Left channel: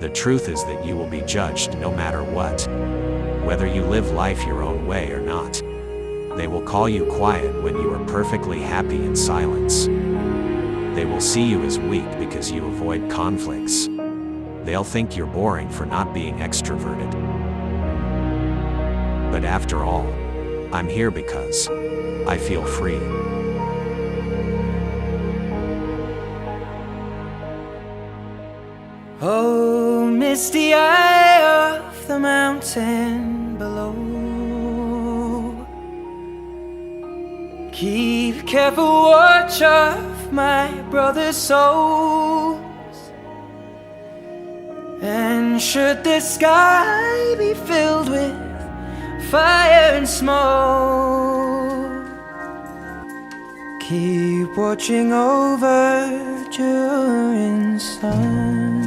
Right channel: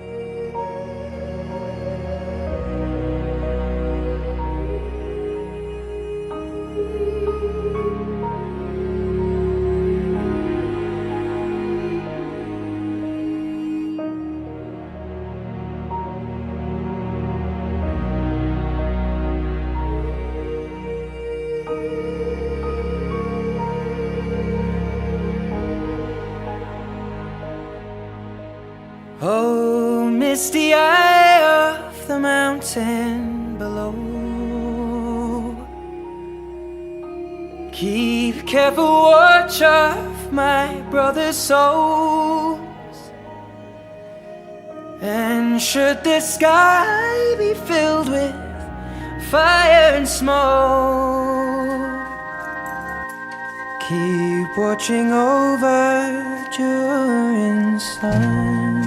The truth is that you will be judged no matter what, whether you live life your own way or not. They will call you quiet when you are perfectly happy in silence. They will see you as weak because you avoid conflicts. They'll think you're boring for not being extroverted. But after all, I'm here because I feel free. Oh, misty eye of the mountain below, keep careful watch of my brother's souls. And should the sky be filled with fire and smoke, keep watching over during sun.